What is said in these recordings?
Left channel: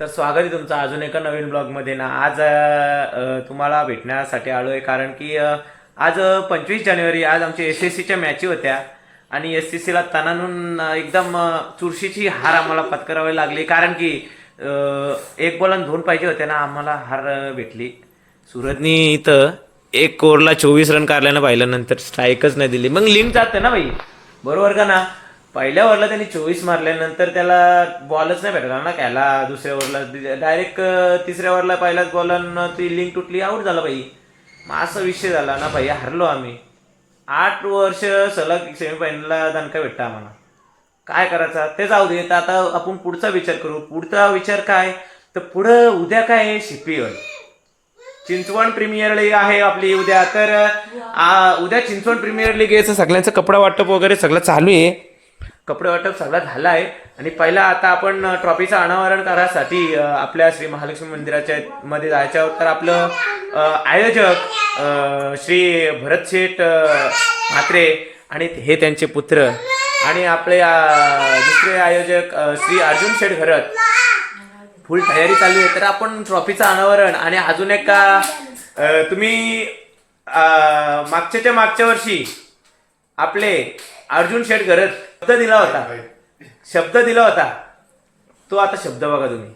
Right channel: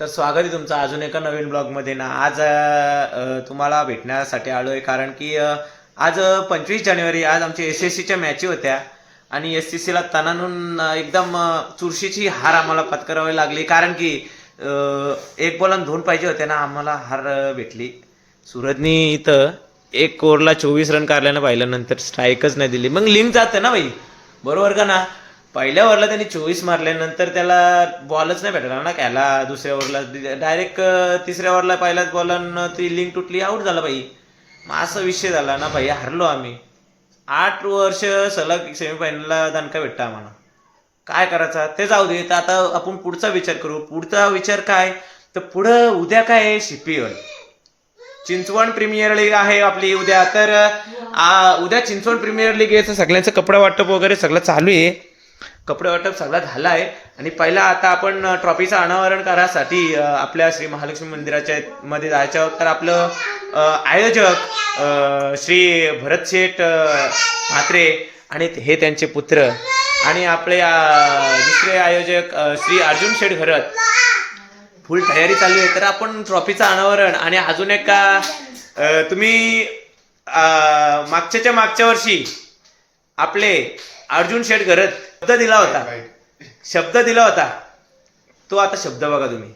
तर स्वागत आहे तुमचं अजून एका नवीन ब्लॉगमध्ये. ना आज तुम्हाला भेटण्यासाठी आलो आहे कारण की आज पंचवीस जानेवारी आज आमच्या एस एस सीच्या मॅची होत्या. आणि एस सी सीला तणानून एकदम चुरशीची हार आम्हाला पत्करावी लागली. कारण की एक बॉलन दोन पाहिजे होते ना आम्हाला हार भेटली. सुरतनी इथं एक ओव्हरला चोवीस रन काढल्यानं पाहिलं नंतर स्ट्राईकच नाही दिली. मग लिंक जातं ना भाई? बरोबर का ना? पहिल्या ओव्हरला त्यांनी चोवीस मारल्यानंतर त्याला बॉलच नाही भेटला ना त्याला दुसऱ्या ओव्हरला. डायरेक्ट तिसऱ्या ओव्हरला पहिल्याच बॉलनं ती लिंक तुटली आऊट झाला भाई. मग असा विषय झाला ना भाई हरलो आम्ही. आठ वर्ष सलग सेमीफायनलला दणका भेटता आम्हाला. काय करायचा? ते जाऊ दे तर आता आपण पुढचा विचार करू. पुढचा विचार काय? तर पुढं उद्या काय आहे? शिपीएल. चिंचवण प्रीमियर लीग आहे आपली उद्या. तर आ, उद्या चिंचवण प्रीमियर लीग याचं सगळ्यांचं कपडा वाटप वगैरे सगळं चालू आहे. कपडे वाटप सगळा झाला आहे आणि पहिला आता आपण ट्रॉफीचं अनावरण करायसाठी आपल्या श्री महालक्ष्मी मंदिराच्या मध्ये जायचं आहोत. तर आपलं आयोजक श्री भरत शेठ म्हात्रे आणि हे त्यांचे पुत्र. आणि आपले दुसरे आयोजक श्री अर्जुन शेठ घरत फुल तयारी चालू आहे. तर आपण ट्रॉफीचं अनावरण आणि अजून एक का तुम्ही मागच्याच्या मागच्या वर्षी आपले अर्जुन शेठ घरत शब्द दिला होता. शब्द दिला होता. तो आता शब्द बघा तुम्ही.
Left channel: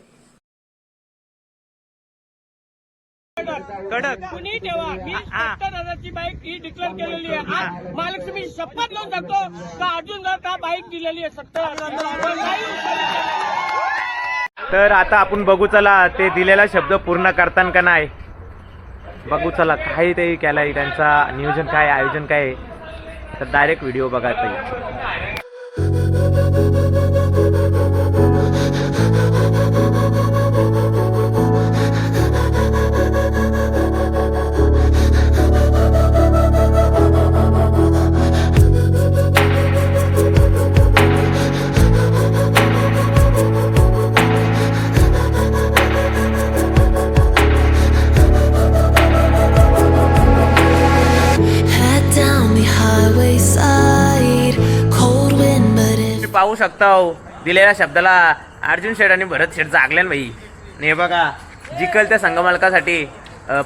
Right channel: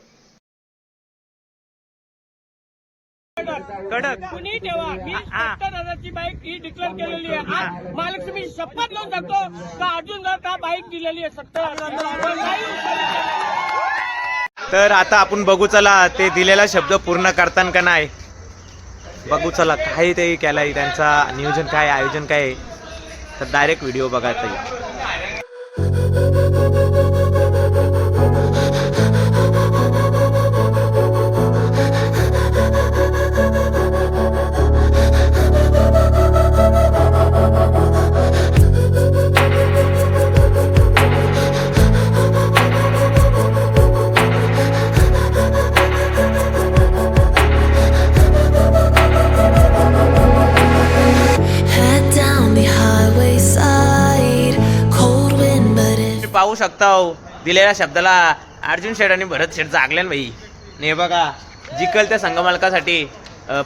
कडक. कुणी ठेवा? मी सत्तर हजारची बाईक ही डिक्लेअर केलेली आहे. आज महालक्ष्मी शपथ लावून सांगतो का अर्जुन का बाईक दिलेली आहे सत्तर हजार? तर आता आपण बघू चला ते दिलेला शब्द पूर्ण करताना का नाही? बघू चला काय ते केलंय त्यांचा नियोजन काय आयोजन काय आहे. तर डायरेक्ट व्हिडिओ बघायचा शकता हो दिलेल्या शब्दाला अर्जुन शेठ आणि भरत शेठ जागले ना भाई ने बघा जिकल त्या संघमालकासाठी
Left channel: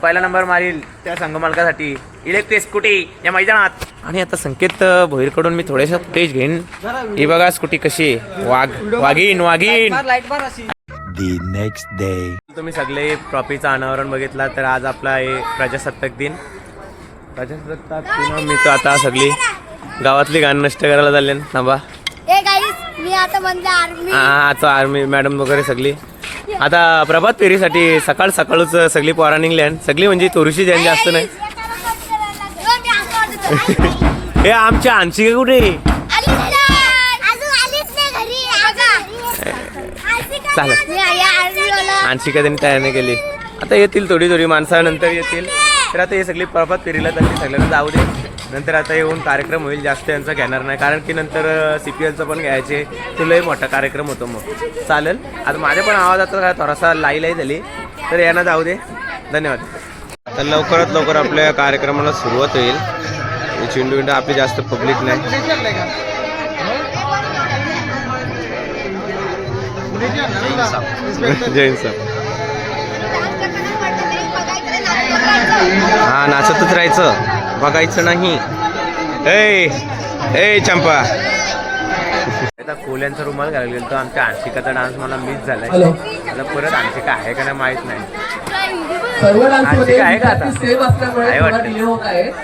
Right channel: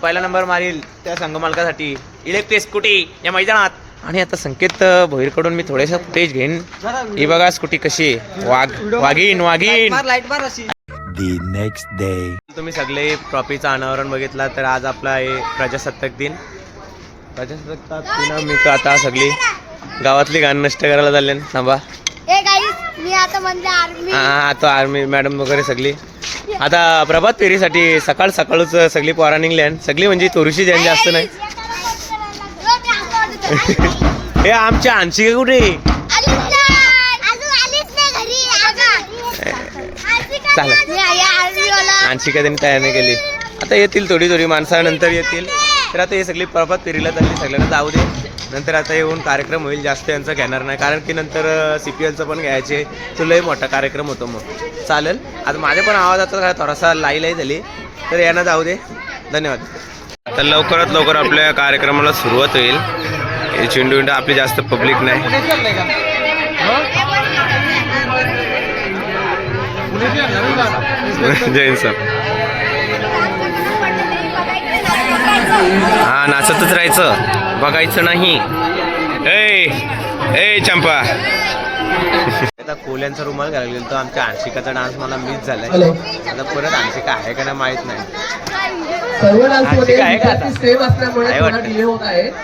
पहिला नंबर मारील त्या संघमालकासाठी इलेक्ट्रिक स्कूटी या मैदानात. आणि आता संकेत भोईरकडून मी थोडेसे फुटेज घेईन. ही बघा स्कूटी कशी. वाघ वाघीन वाघीन the next day. तुम्ही सगळे ट्रॉफीचं अनावरण बघितला तर आज आपला आहे प्रजासत्ताक दिन. प्रजासत्ताक दिन मी तर आता सगळी गावातली गाणं नष्ट करायला चालले ना थांबा. आता आर्मी हा आता आर्मी मॅडम वगैरे सगळी. आता प्रभात फेरीसाठी सकाळ सकाळच सगळी पोरा निघल्या सगळी म्हणजे थोडीशी जण जास्त नाही. हे आमच्या आणशी कुठे? चालेल. आणशिका त्यांनी तयार नाही केली. आता येतील थोडी थोडी माणसानंतर येतील. तर आता हे सगळी प्रभात फेरीला चालली. सगळ्यांना जाऊ दे. नंतर आता येऊन कार्यक्रम होईल जास्त यांचा घेणार नाही. कारण की नंतर सी पी एलचं पण घ्यायचे. तो लय मोठा कार्यक्रम होतो मग. चालेल. आता माझ्या पण आवाजाचा काय थोडासा लाई लाई झाली. तर यांना जाऊ दे. धन्यवाद. तर लवकरात लवकर आपल्या कार्यक्रमाला सुरुवात होईल. हे चिंडू विंडू आपली जास्त पब्लिक नाही. जैन साहेब. हा नाचतच राहायचं. बघायचं नाही. ए ए चंपा. आता कोल्यांचा रुमाल घालायला गेलो तर आमच्या आणशिकाचा डान्स मला मिस झालाय. आता परत आणशिका आहे का नाही माहीत नाही. आणशिका आहे का आता? आहे वाटतं.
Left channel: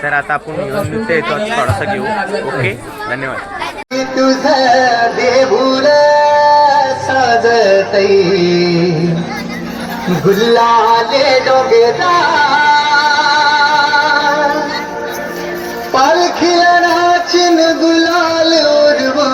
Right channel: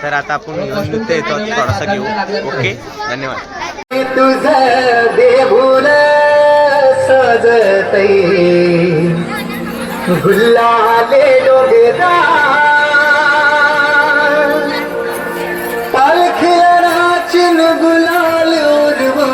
तर आता आपण घेऊन नृत्य येतो. थोडासा घेऊ. ओके? धन्यवाद. नाचिन गुलाल उडवो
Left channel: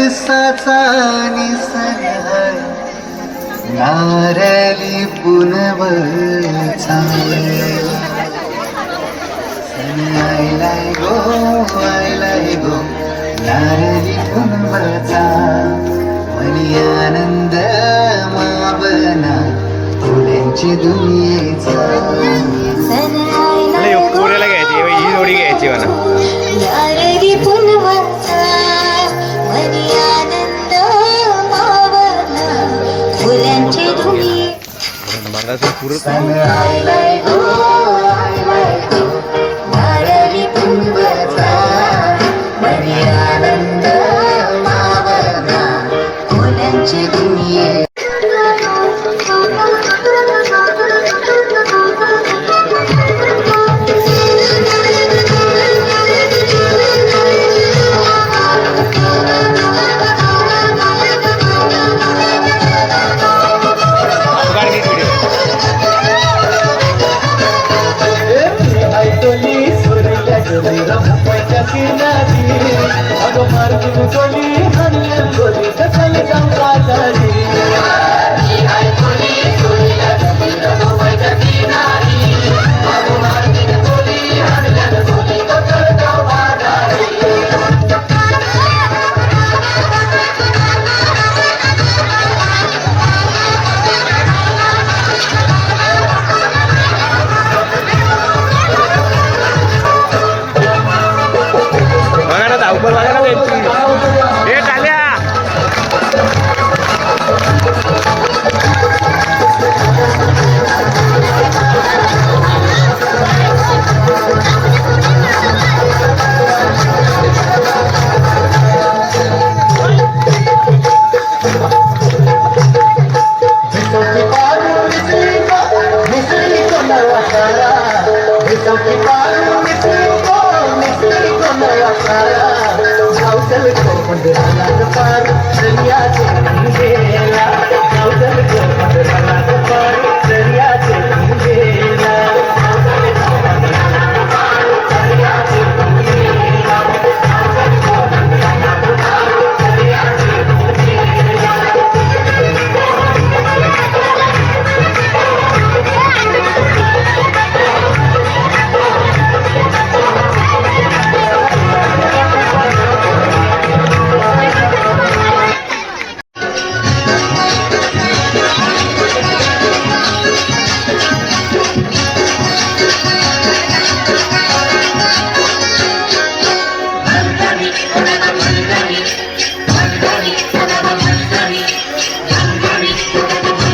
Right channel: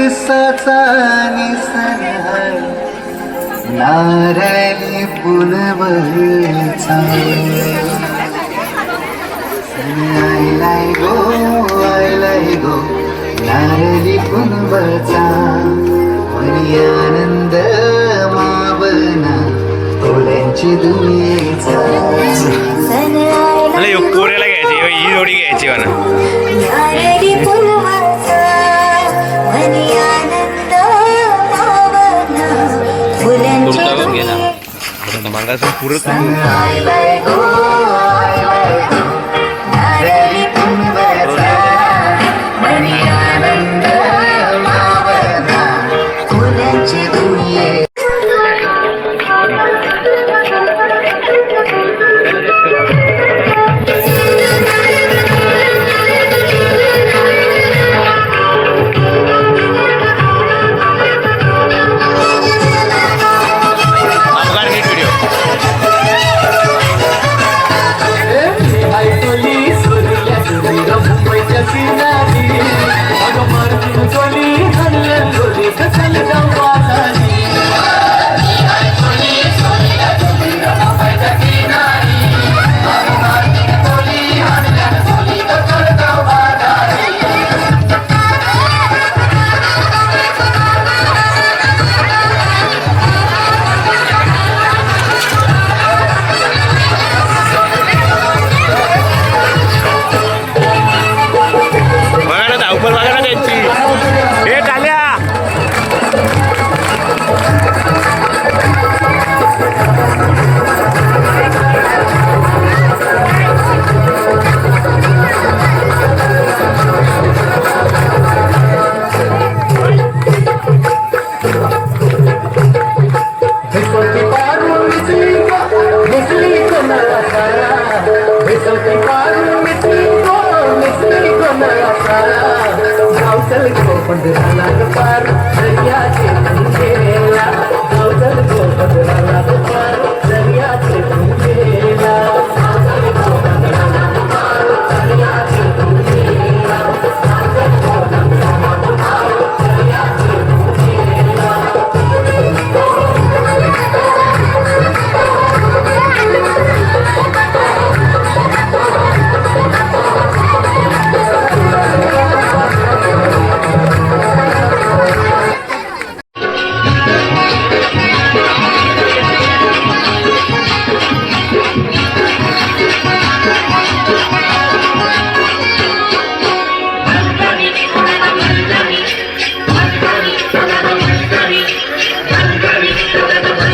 बरसाचा निसन नारळी पुनवचा लाय गो लाय गो नारळी पुनवचा मनी आनंद मावना फुलांची दुनियेचा पोऱ्याला घ्यायची ही जोडी घ्यायची म्हणा मागाचं पुरत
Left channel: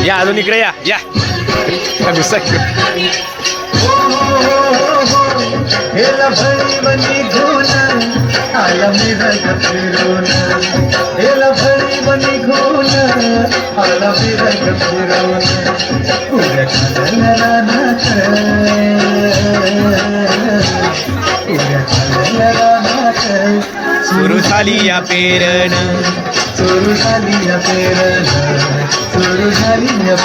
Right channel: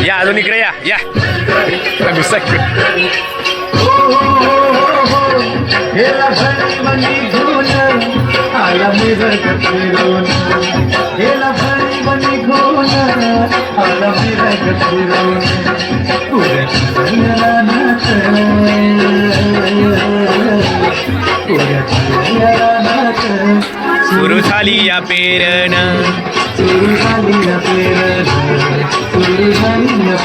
या अजून इकडे या या. दुसरा सुरू झाली या पेरण सुरू झाली या पेरण सुरू झाली या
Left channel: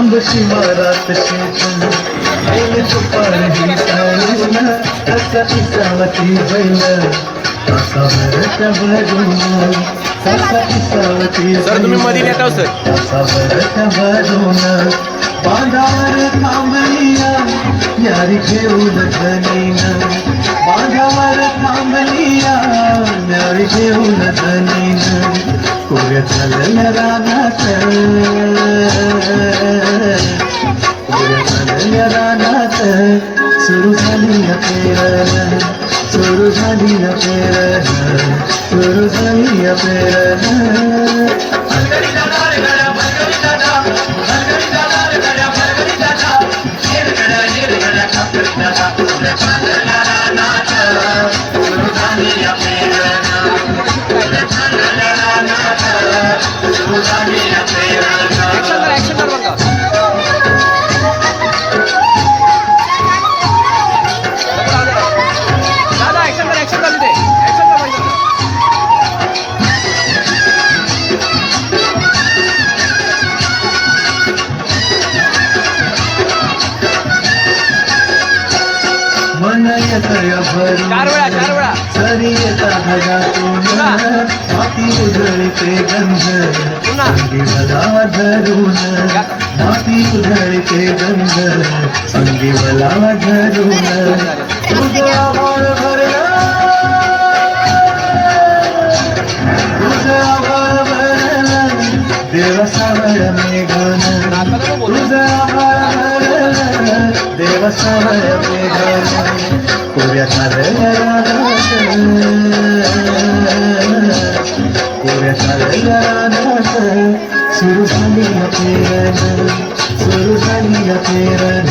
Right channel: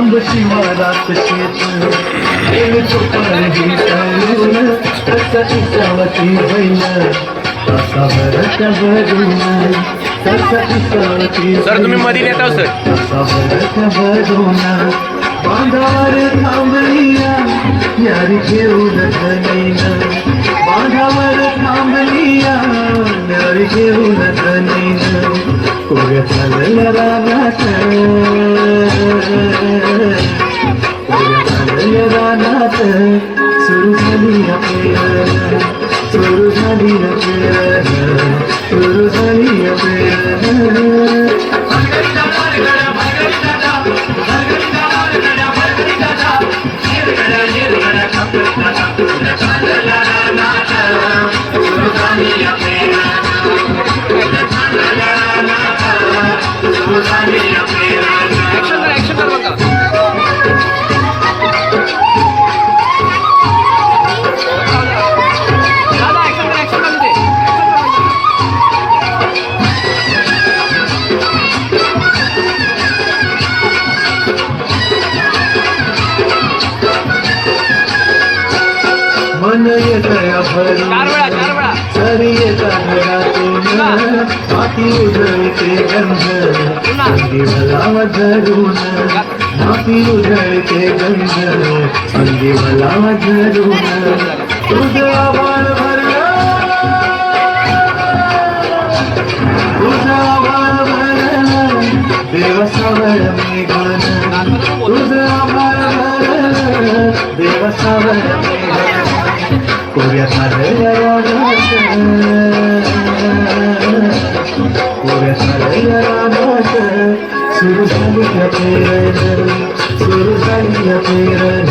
लांब शिवारात शेत एल चोपडी साळून असा इसावती बैल असा भरत भरून कसा इसावती सर तुम्ही मध्ये येत आहो सर. असा भरत भरून बांधावर थांबलिया यारी घेऊन धनीन. बांधावर थांबलिया यारी घेऊन धनीन. रानात कोऱ्या चालल्या रानात सुरू झाली पेरण सुरू झाली पेरण सुरू झाली पेरण नय दया भरू सरिय धरा तून माती उधर के गंध संगे भला धरून माती उधर के गंध संगे भला धरून तुझा वन भरला तुझा वन भरला देवसावर में गाना तुझा वन भरला देवसावर में कोऱ्यात नारळ्या कोऱ्यात नारळ्या सुरू झाली या पेरण सुरू झाली या पेरण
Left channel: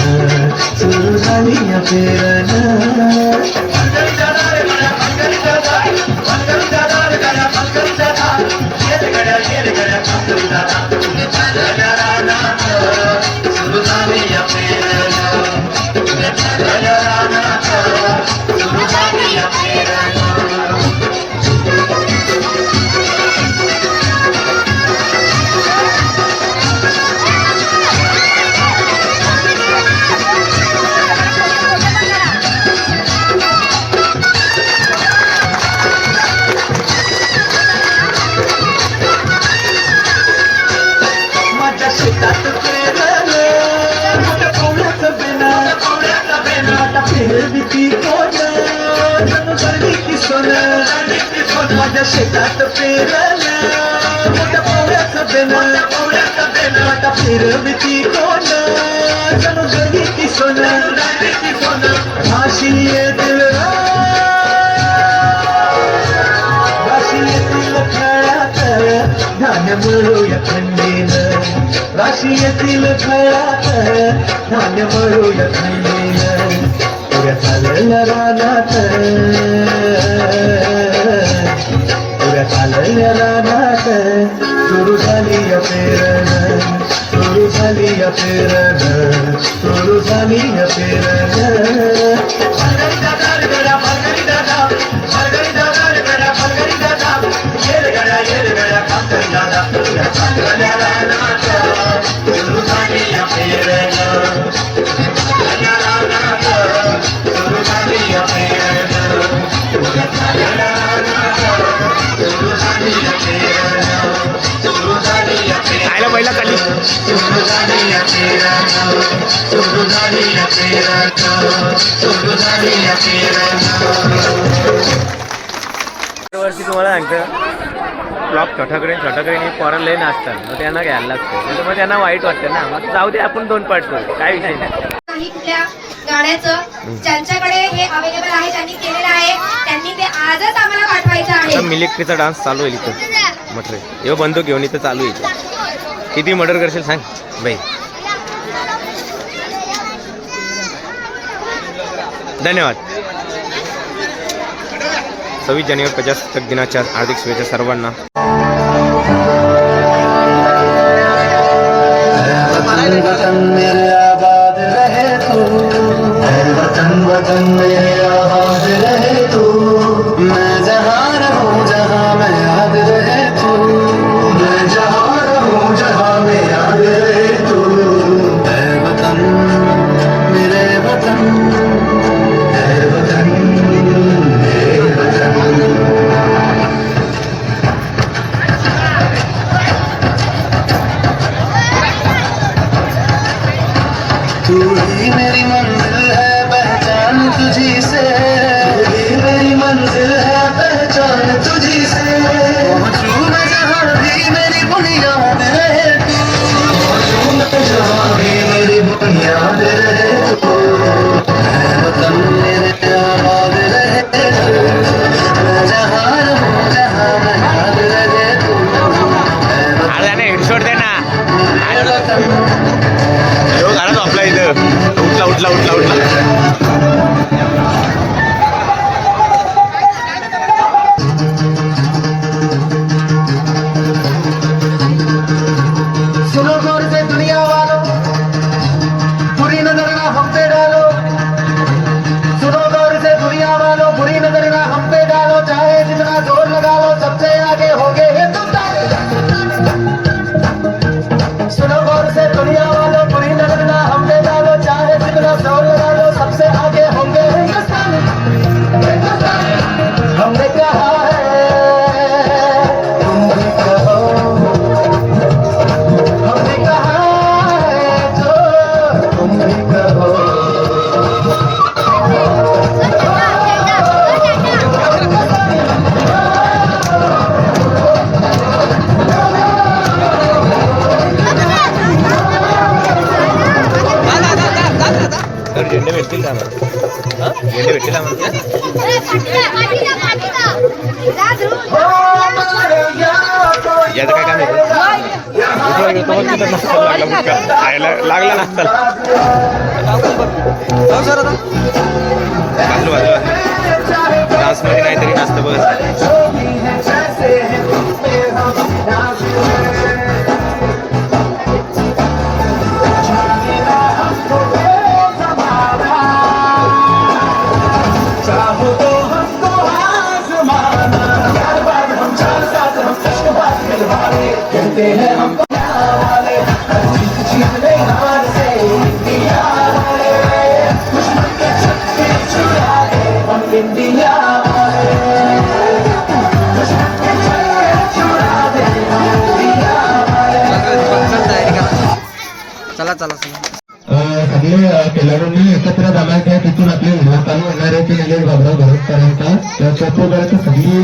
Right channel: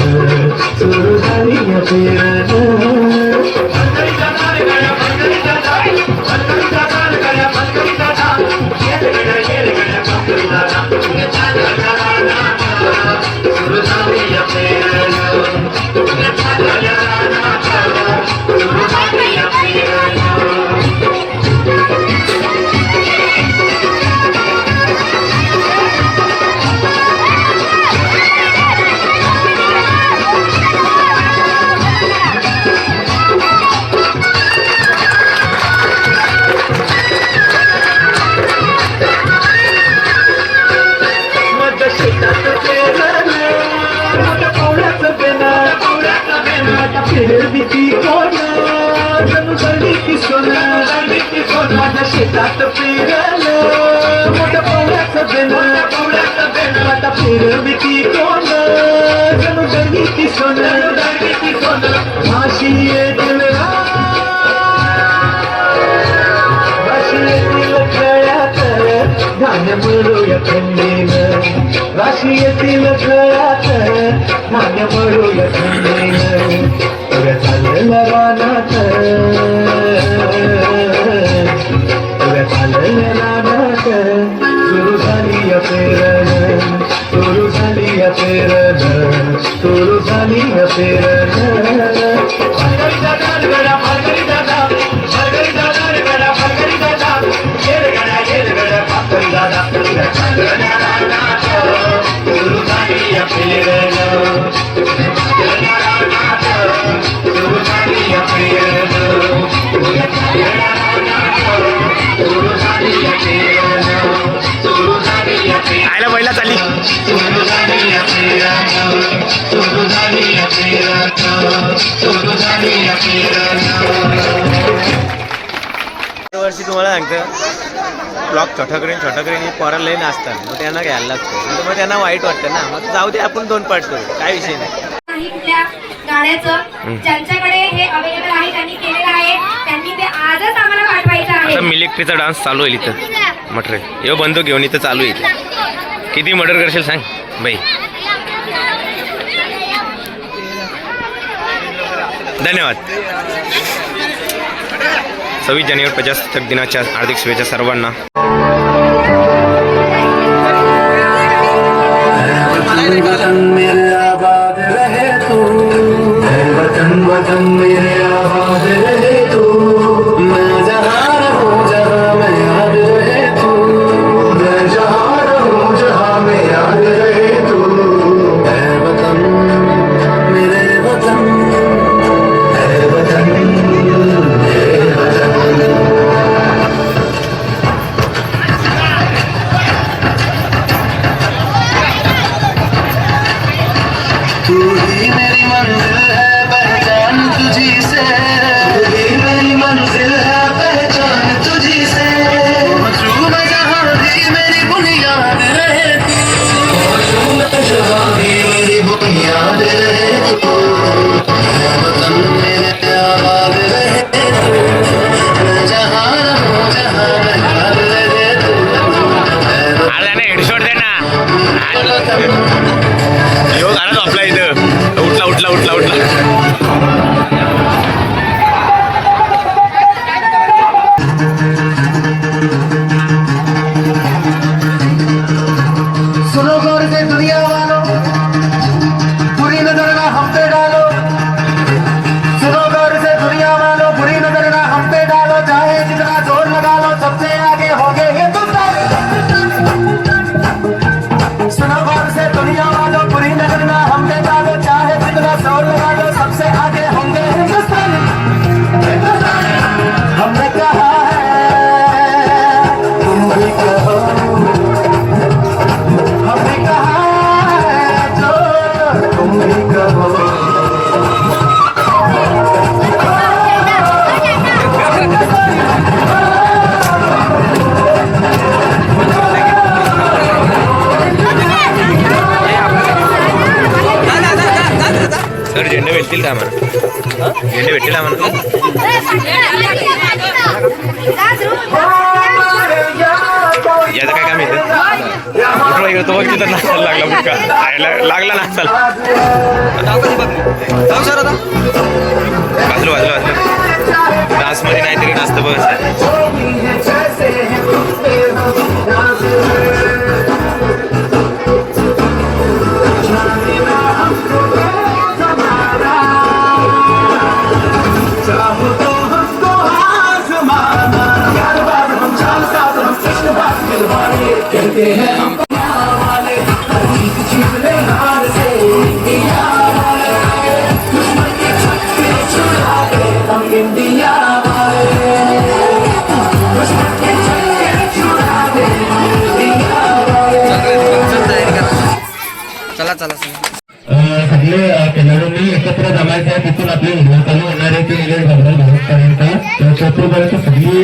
सुरू झाली या पेरण माझ्या जणू गळली ती सोनं. माझ्या शेतात पेरलं, माझ्या पावलाचं बेनं, आता पेरली ती कोणं, जणू गळली ती सोनं. फाशी येतील राशी येतील खेळात धान्य मिळूया थंडीनं। राशी येतील खेळात धान्य मिळूया थंडीनं। उद्या चाललेल्या रानात उद्या चाललेल्या रानात सुरू झाली या पेरण सुरू झाली या पेरण सुरू झाली या पेरण पहिला चालली दरवर्षी तुम्हाला सांगतं ब्लॉक छोटाकडे छोटाकडे पोराला लय नाचतात. मग त्यांना घ्यायला लागतं मग त्यांना वाईट वाटतं ना. मग जाऊ दे आपण दोन पार्ट करू. काय विषय नाही. नाही कुठल्या गाण्याचं. ज्यांच्याकडे हे अवेलेबल आहे त्यांनी केलेलं आहे. त्यांनी ते आजच आम्हाला पाठवायचं आता आहे मिलिटरीचा डान्स चालू होईल इथं. मटर. यो बंदूक घेऊन इथं चालू आहे इथे. किती मर्डर करशील सांग? बाई. धन्यवाद. सव्वीस जानेवारी प्रजासत्ताक दिनाच्या हार्दिक शुभेच्छा सर्वांना. तू ही मेरी मंजिल है पहचान तुझी से तू ही मेरी मंजिल है पहचान तुझी से मजू में जहाँ भी मेरी बुनियाद रहे तू मजू में जहाँ भी मेरी बुनियाद रहे तू मैं वतन मेरे याद रहे तू मैं जहाँ रहूँ जहाँ मैं याद रहे तू मैं अरे हेडशॉट दे ना उठला उठला उठला उठला याचं काय काम येतं उठला गेलो तो बघ तिथं नाचायला लागला बुटका. आयला लागला नाचायला. वाजलो वाजलो वाजलो डान्समध्ये नाहीतरी नाचतं बघ सगळे खेळाडूंनी एकत्र जमायचं आहे तिथून आपले लोकांनी चालू होणार आहे ते निघेल बाबराव भारतपर्यंत तर सगळी